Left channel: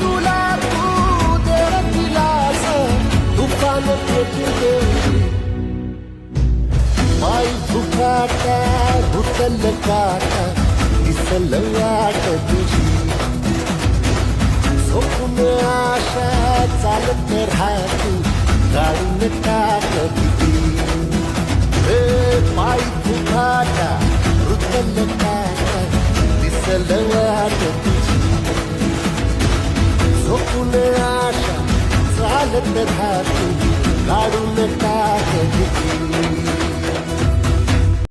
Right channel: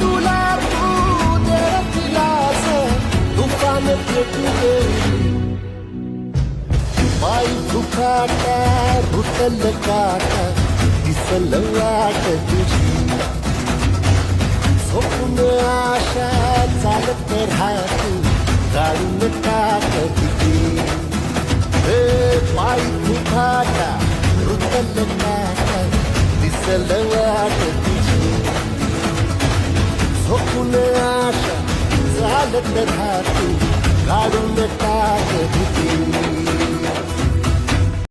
तुला तू दे दिलास तुफान पेटू देऊरी पायी फुकाटा रुतल काटा दिसल वाट तुझी झोपून आशा चालत राहतू काढून टाक किती पायी फुकाटा रुतल काटा दिसल वाट तुझी झोपून आशा चालत राहतू काढून टाक भीती